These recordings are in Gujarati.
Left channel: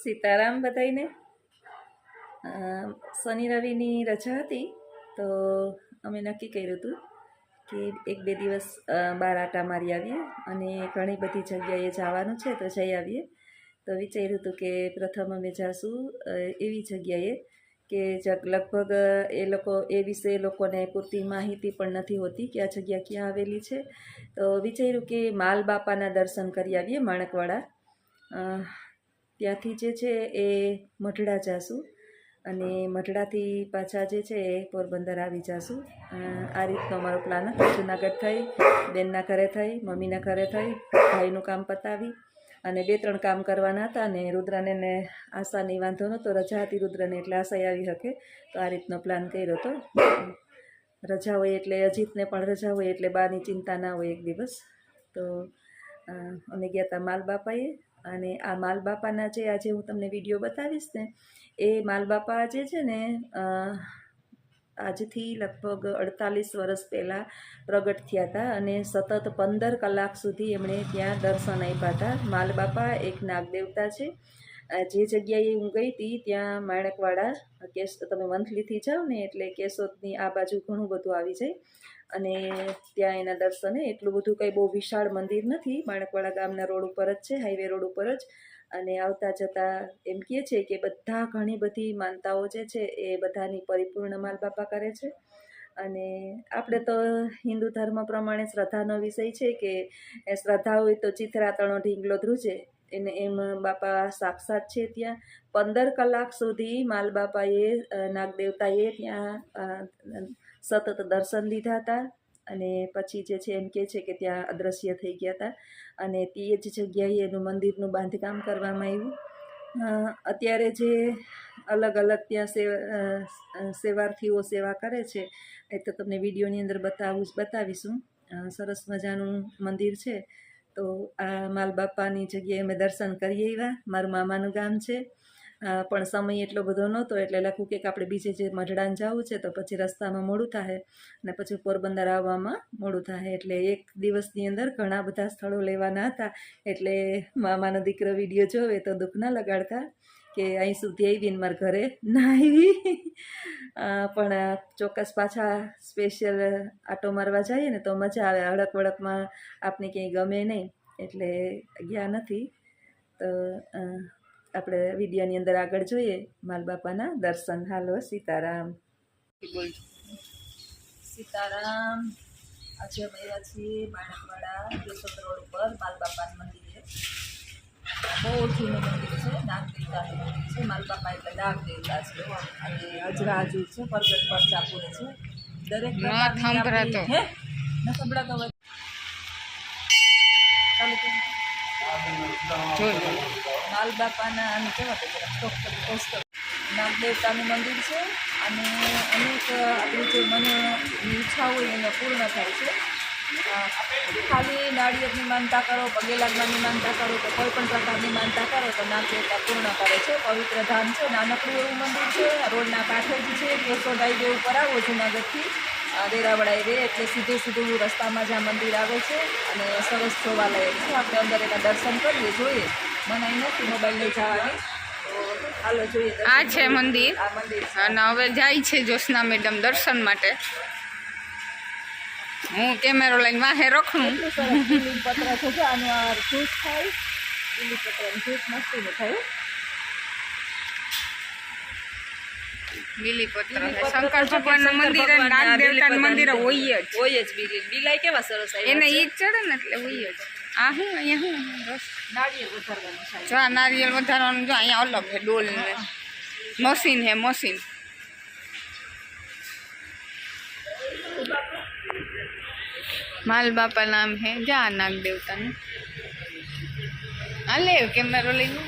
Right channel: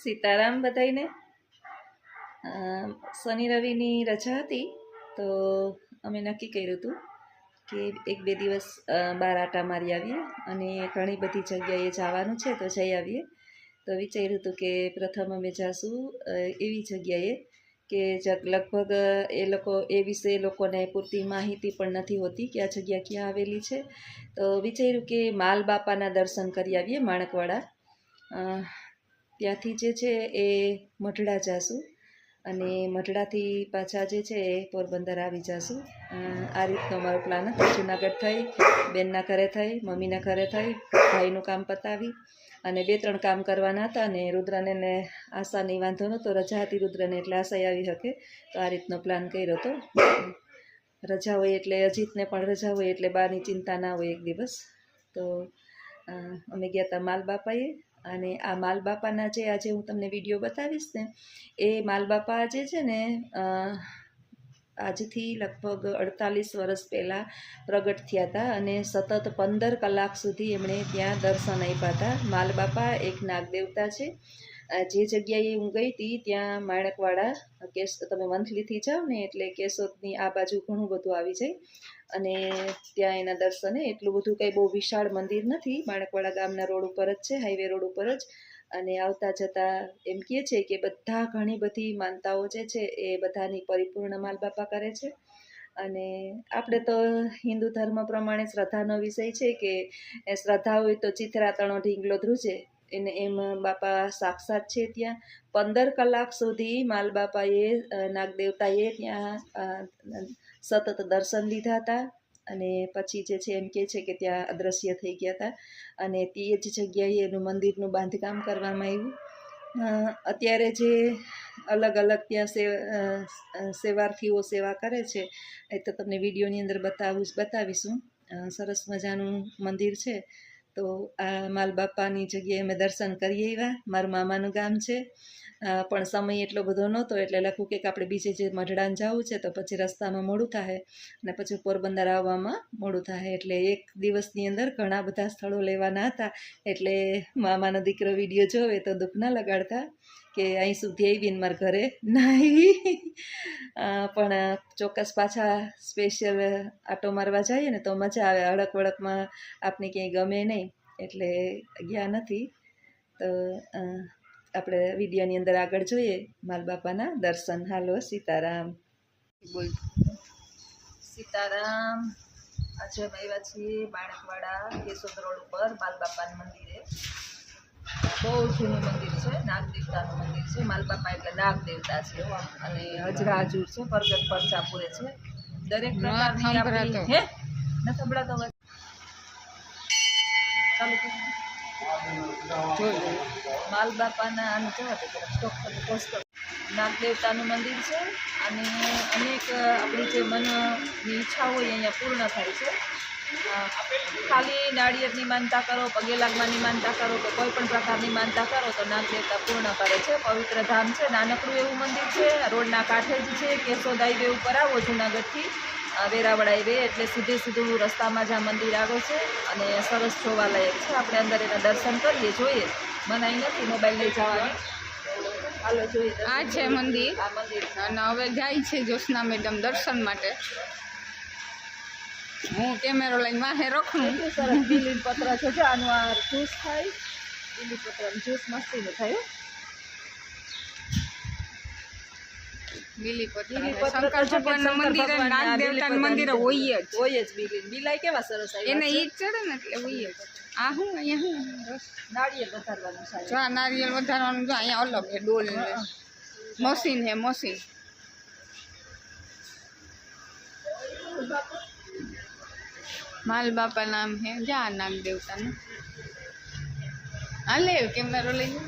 સીતારામ બધાઈને. શનિ રવિની રજા હતી તો અમે નક્કી કર્યું હતું કે એક બે દિવસ બહાર આટા મારી આવીએ અને ઘણી બધી જગ્યાએ જવાનું છે તો જઈ આવીએ. તો વિચાર્યું હતું કે પ્રથમ અમે જાશું એવી જગ્યાએ કે લગભગ એ વિશે લોકોને પૂરતી માહિતી પણ નથી હોતી કે આ જગ્યા ક્યાં આવેલી છે. તો વિચાર્યું કે માલ બાપાના દર્શન કરી આવીએ માણકવાડા. ત્યાંથી જે છે એ મઢડા જાશું અને મઢડાથી પાછા જે છે એ પોરબંદર આવી જાશું. આ રીતનો મારો પ્લાન હતો. જુનાગઢ થઈ, બેનના ઘરે થઈ, મમ્મીના ઘરે થઈ, ભાઈનું કામ પતાવી અને 2-3 કામ કરવાના હતા. અને રુદ્રને ને આશાની વાંધો નહોતો, રજા હતી રુદ્રને, એટલે આશા આવી શકે. તો આ રીતનો પ્લાન કર્યો હતો. રજા હોય એટલે અજીતને પણ રજા હોય એટલે બહારની ચિંતા ના હોય એક દિવસ. તો અમે ગયા હતા માલબાપાએ. અને આ માલબાપાના જે આજે હું તમને વિડીયો બતાવીશ ને, એ માલબાપા જે છે ને આજથી લગભગ 48 વર્ષ પહેલાં પ્રગટ થયા હતા અને સતત 15 કલાક સુધી એમણે ત્યાં દર્શન આપ્યા હતા. માલબાપા એક નાગદેવતા છે. જે જગ્યાએ હું ગઈ હતી ત્યાં માણકવાડા તમે મંથલીથી જાઓ ને એટલે કેશોદની આ બાજુ ઘણું બધું આવી જાય અને ત્યાં એના દર્શને એટલું બધું કંઈ બહુ વિશાળ મંદિર નથી. માણકવાડા ગામના રોડ ઉપર જ છે, હાઈવે રોડ ઉપર જ. અને આવતા જતાં એમ કહે છે કે બધા ઘણી બધી માનતાઓ જે છે એ બધાની પરિપૂર્ણ માલબાપા કરે છે. અને આપણે તો હિન્દુ ધર્મ પ્રમાણે શ્રદ્ધાનો વિષય છે કે શ્રદ્ધા હોય તો ચિથરાતણો ઢીંગલો ધ્રુજે. એને એમ બાપા સાક્ષાત છે ત્યાં. 15 કલાક સુધી માલબાપાએ નાગદેવતાએ ત્યાં સતત દર્શન લીધા હતા અને પછી જે છે એમ કહે છે કે ત્યાં અદૃશ્ય થઈ ગયા હતા અને તે જ જગ્યાએ એનું મંદિરનું બાંધકામ કરવામાં આવ્યું. અત્યારે જે અલગ અલગ ત્યાં સેવાર્થીઓ સેવા કરે છે એ તો તમને વિડીયોની અંદર બતાવીશું. સરસ મજાનું મંદિર છે. તો આ માલબાપાની જગ્યાએ અમે દર્શન કરી આવ્યા. મારું મામાનું ગામ છે પણ સમય એટલો બધો નહોતો એટલે લખું કે આપણે બીજે જે મઢડાને જવું છે તો પછી રસ્તામાં મોડું થાય અને પછી પોરબંદર આવવામાં મોડું થાય. એટલે એક દિવસની અંદર ઘણા બધા સ્થળો લેવાના હતા. એટલે મામાનો દીકરો વિડીયો જોવે તો દુઃખ ના લગાડતા કે અહીં સુધી આવીને મારા ઘરે ના આવી. પણ ચોક્કસ પાછા સ્પેશિયલ આટો મારવા જઈએ ને તો મજા આવે. હડક વડકમાં આપને ક્યાંય ગમે નહીં એટલે ગયા નથી. તો આપણે વિડીયોની અંદર આગળ જોઈએ માલબાપાના દર્શન. હાલો, સીતારામ. બોલ સીતારામ. આજે અમે આવ્યા છીએ માણકવાડા કેશોદ રોડ ઉપર માલબાપાના મંદિરે. બહુ જૂનું મંદિર છે, નાગદેવતાનું મંદિર છે. માલબાપા એટલે નાગદેવતા છે અને હજરા હજુર છે, પરગટ પરચા પૂરે છે. દરેક પ્રકારની હે ન સંભળાતો હોય માલબાપાના આને કહેવાય જરાક નાગદેવતાનું મંદિર છે અને અનેક આપણી જે મનની ઈચ્છા હોય અહીંયા પૂર્ણ થાય છે. ખાલી નાળિયેરની માનતા કરો, પગે લાગવાની માનતા કરો કે કોઈ પણ પ્રકારની માનતા કરો તો નાગદેવતા પૂર્ણ કરે છે. પવિત્ર ધામ છે, નાનકડું એવું મંદિર છે. રોડના કાંઠે જ છે. કેશોદ હાઈવે ઉપર આવો જુનાગઢથી વેરાવળ હાઈવે એટલે સીધું રસ્તામાં જ આ મંદિર આવે છે અને સરસ જોવાલાયક છે. આપણે અંદર એના દર્શન કરીએ, જોઈએ. મનાઈ નથી મોબાઈલ લઈ જવાની. હાલો જોઈએ. આ છે મંદિર અને હવે જાય છે જ્યોત્સના મેડમ દર્શન માટે. હું કેમેરો લઈને વાહે રખું. એટલું સરસ બીલીપત્ર છે જો આનું આ જ્યુસ થાય. બીલીપત્રનું જ્યુસ મસ્તીનું થાય. બીલીપત્ર શંકર ભગવાનનું મંદિર અને નાગદેવતાનું મંદિર હોય જ બીલાઈ કેવા સરસ એને ઈ જ ચડે ને એટલે હોય જ. આ શું અહીંયા શું રસ નાળિયેર વધારવાનું છે. જો આ નારિયેળ વધારવાનું જો અહીંયા અલગ છે. ડોલ ને મશીન હે મશીન. માલબાપા નામ હે. જા નાગદેવતાનું. આ લે કેમેરો લઈ લો.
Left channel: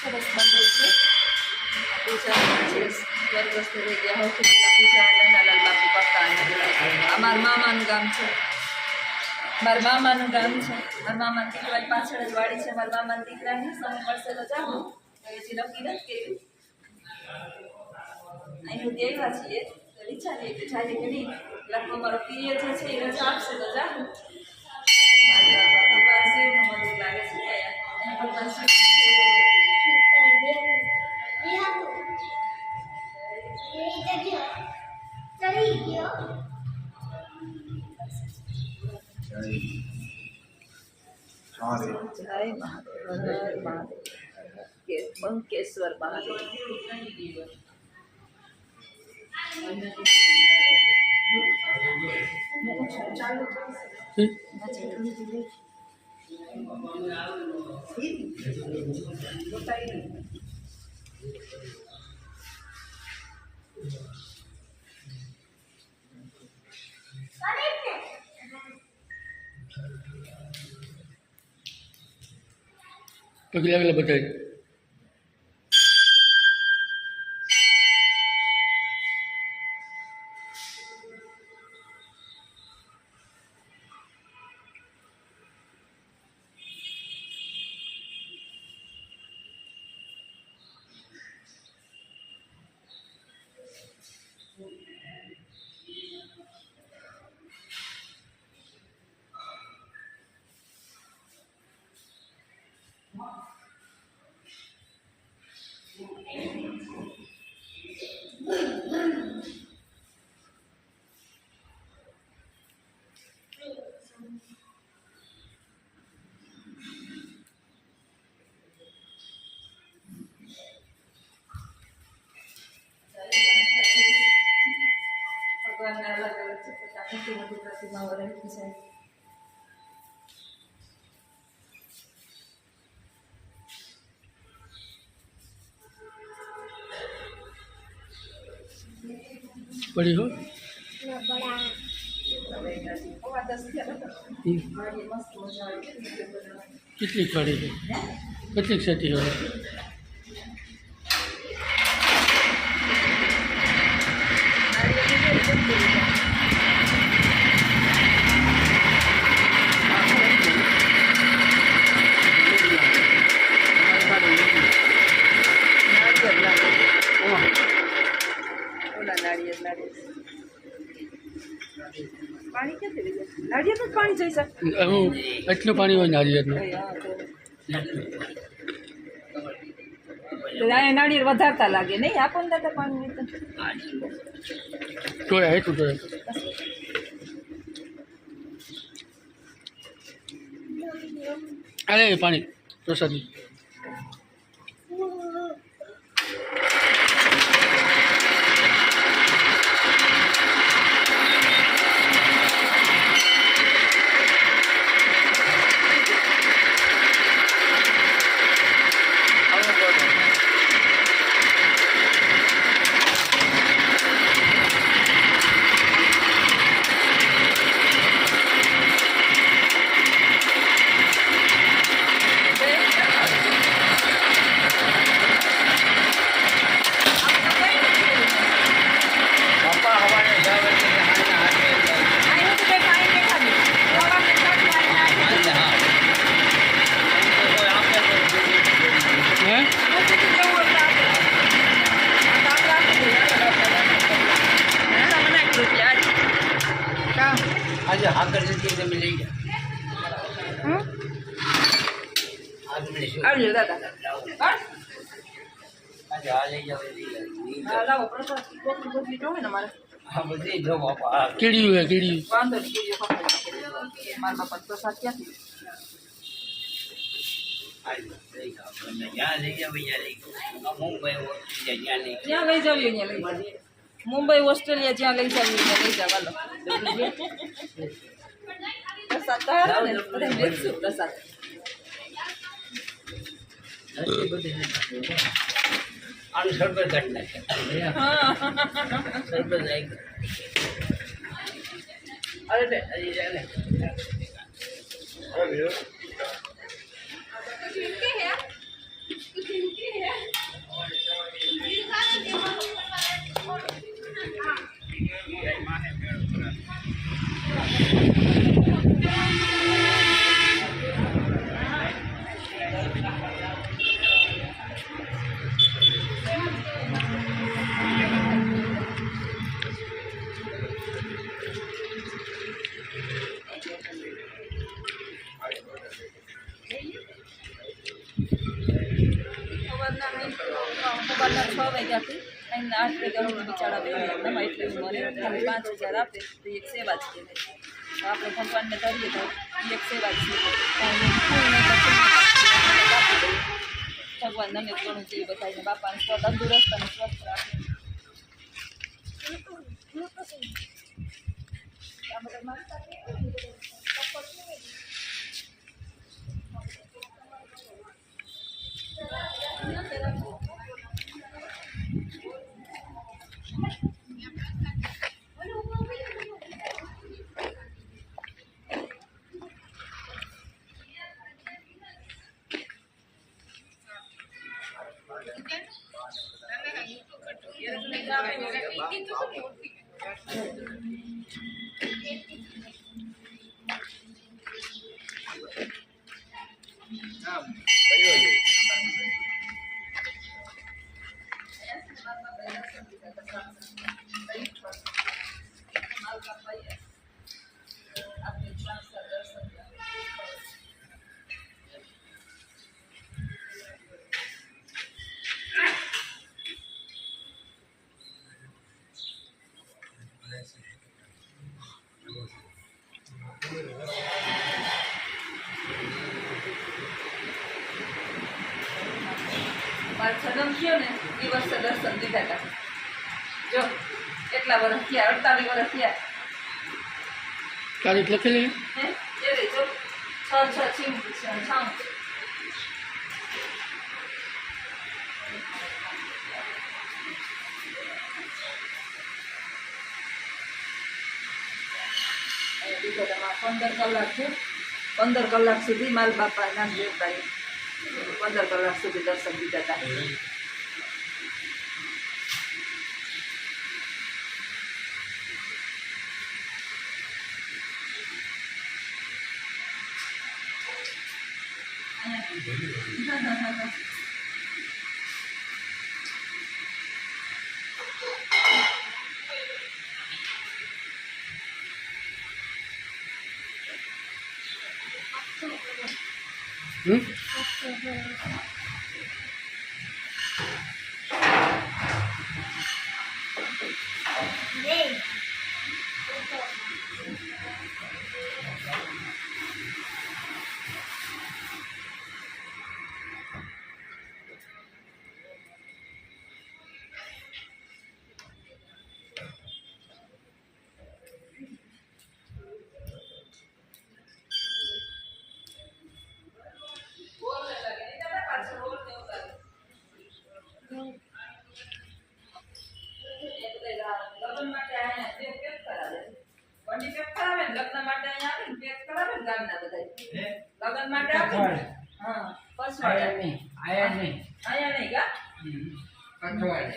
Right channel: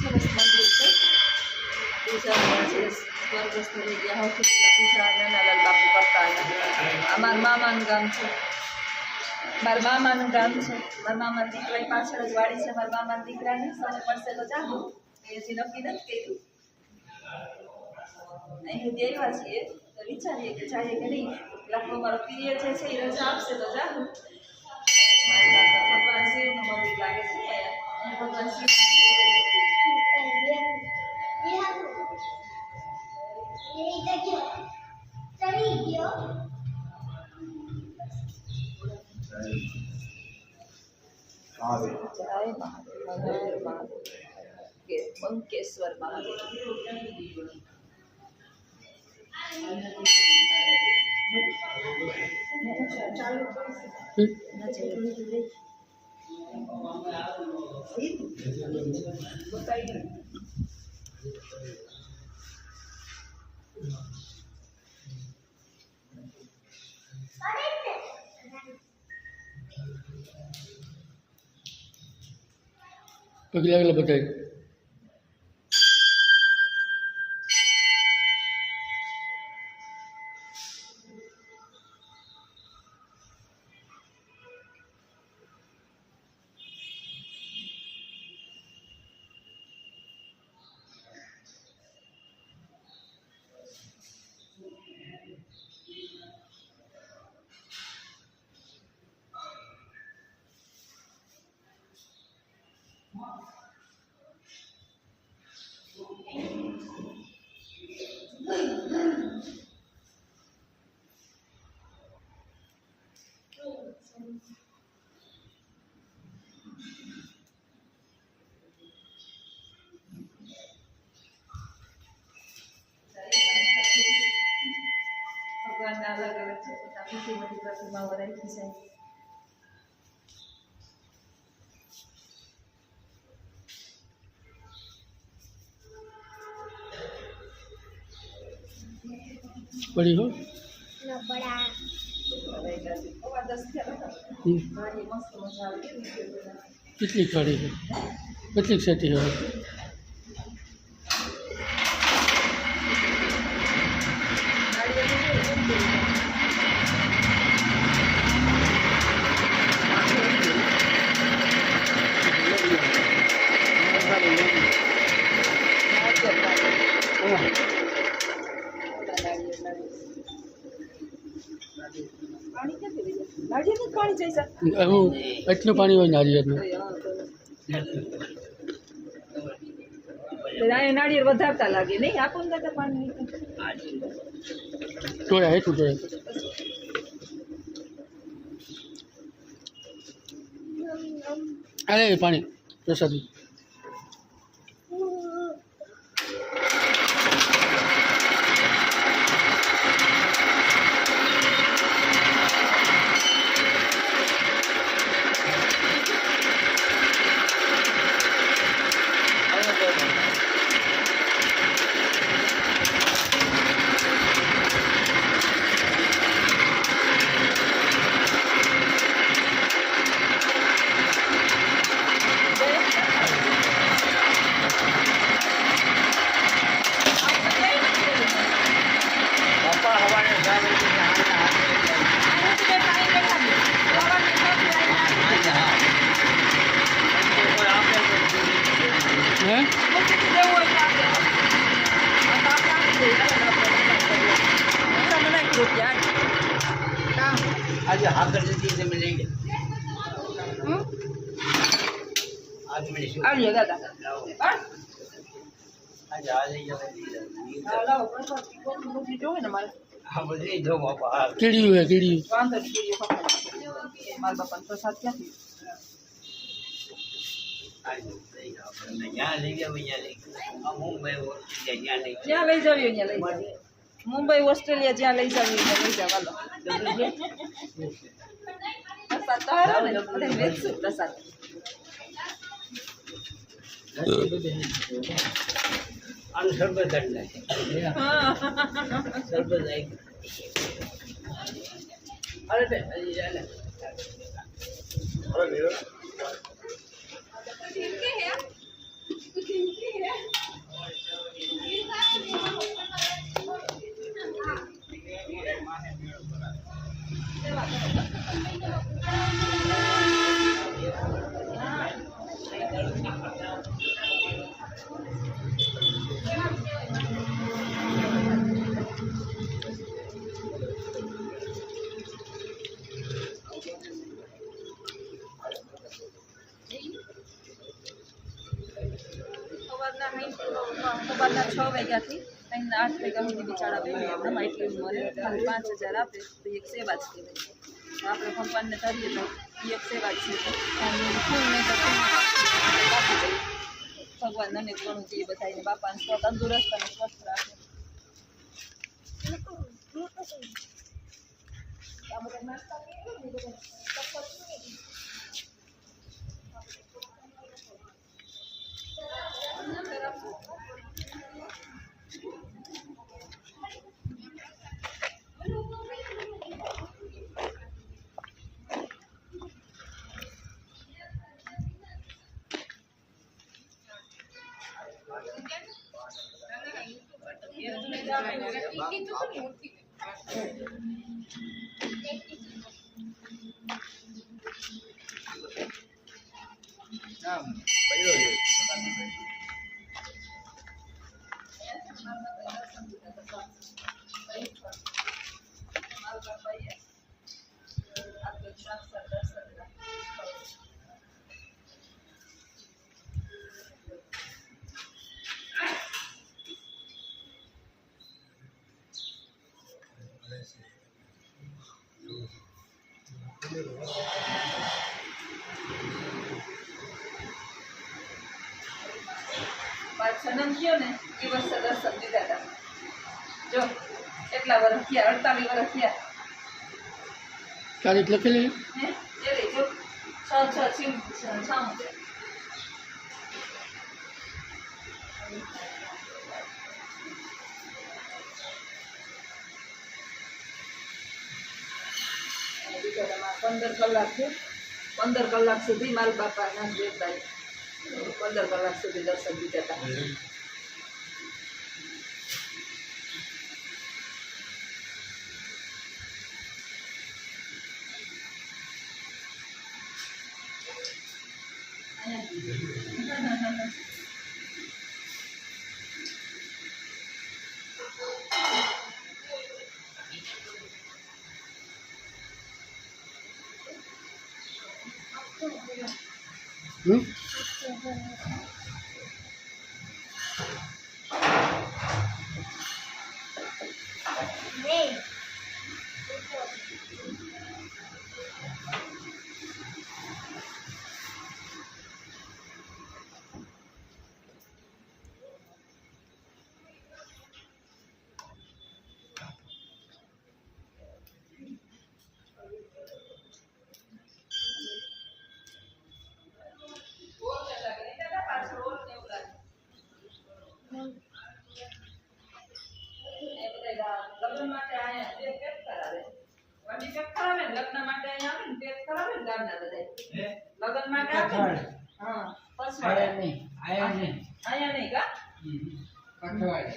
સરસ મંદિર છે. પૂજા છે. સ્વર્ગસ્થ થઈ ગયા હોય પૂજા નાનાલાલ બાપુ કરતા. આ મારા મામાનું ગામ છે. મારા મામાનું ગામ છે. મારા મામાના દીકરાની પાછળ જ વાડી છે. મારા મામાના દીકરાની સમય પડશે તો જાઉં. હજી નક્કી નથી કર્યું. અહીં સુધી આવ્યા છીએ તો વિચારીએ કે જઈએ કે નહીં. એટલે મારો પિયર જે છે એ રજા આપશે તો જાઉં. ભગવાન શિવનું મંદિર લાગે છે. અહીં ભગવાન શિવ જય મહાદેવ. હર મહાદેવ. બંકેશ્વર મહાદેવ. પગલા આગળ બતાવી. ભગવાનના અલગ અલગ છે. મોટી મોટી પ્રતિમાઓ રહી છે. પડી હો. હવે એકાદી 10 થયા હતા. ઘણી મસ્ત મજા આવી ગઈ. કેટલી ચડી છે? કેટલીક સેટી હોય? પાણી ક્યાંથી લઈ જાય? નાળિયેરનું જ પાણી જોઈશે. હું એટલું પાણી હોય નારિયેળનું. નાળિયેર વધારતા લાગે નહીં. આપો ને દાદા પાણી. તોય એટલું તોય. અરે પાણી પ્રસાદી. આજે હાકર જતી તમે લઈ જાઓ. આજ મને શું આવજો દાદા. આજે આ લઈ જાઓ એ લઈ જાઓ. લાવો પ્રસાદ બધી જોવે ને મારે. આ બધી જો બાપા કીડિયું હે કીડિયું. વાંધો નહીં. બીજો મારા બાપાનો પ્રસાદ ક્યાંથી? આજે લઈ જાઓ. આપણે જ્યાં લઈ જાઓ ત્યાં લઈ જાઓ. આ મુંબઈ જ્યાં લઈ જ્યાં લઈ જાવ ત્યાં લઈ જાવ. મુંબઈ ઓસ્ટ્રેલિયા જ્યાં લઈ જાવ ત્યાં લઈ જાવ. હાલો. તો હારો ને બધા વેચશું પ્રસાદ નથી બધી આનું શરબત કાઢી નાખે શરબત નાખ અરે હજી ચાલે સવારના 6 વાગ્યાથી અને 8 વાગ્યા સુધી બિચારા બેન એટલે મને ખાલી 5000 આપે તો એક સેવા જ કહેવાય તો આપણે ભગવાનને ધરીએ તો એ એક સેવા જ છે કાંઈ ફૂલને તો ફૂલ આપી દઈએ ભગવાન અનેક ઘણું જોઈએ બધાને બાપાને તંદુરસ્ત અને સ્વસ્થ રાખે આ બધા માનતા કેવું ને મારો જન્મ થયો ને એ વર્ષે દર્શન દીધા હતા જો કેટલા વર્ષ થયા 48 વર્ષ થયા તારીખ લખેલી હે એ રે જો 6 છીમ છામ દીધા હતા 15 કલાક થયો 15 કલાક સુધી માલ બાપા નામ દેવતાએ 15 કલાક સુધી દર્શન દીધા હતા લગ્ન માટે આયા બે પેક કરાવે વડી પેક કરાવે ને લગ્ન માટે આયા આવે ને પેક કરાવે ને ગામના બધાય લગ્ન માટે આવે હા પસવાડે નહીં આયા નહીં કા પસવાડે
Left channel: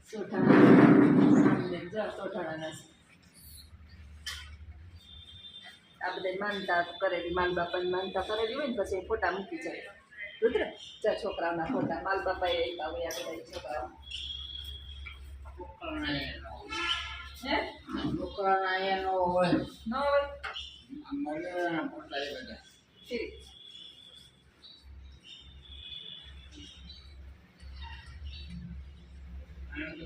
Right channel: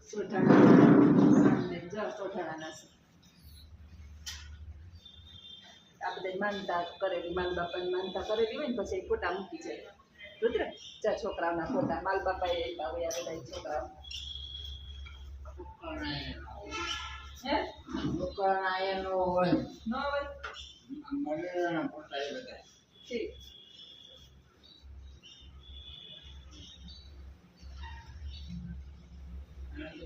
સોઠાણા આ બધા માનતા કરેલી માલ બાપાની માનતા કરેલી હોય ને પછી ફોટા મૂકી જાય રુદ્ર ચા છોકરાઓના ફોટા માલ બાપાએ આપ્યા હોય આ બધા છોકરાઓ હે ન હોય ફોટા એ બધા ઠીક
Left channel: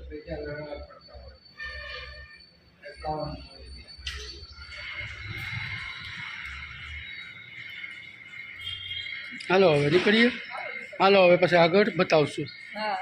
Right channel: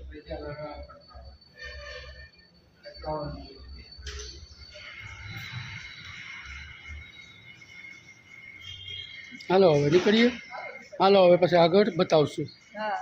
પૈસા લગાવવા પડતા હોય 51 હાલો હવે નીકળીએ હાલો હવે પછી આગળ બતાવશું. હા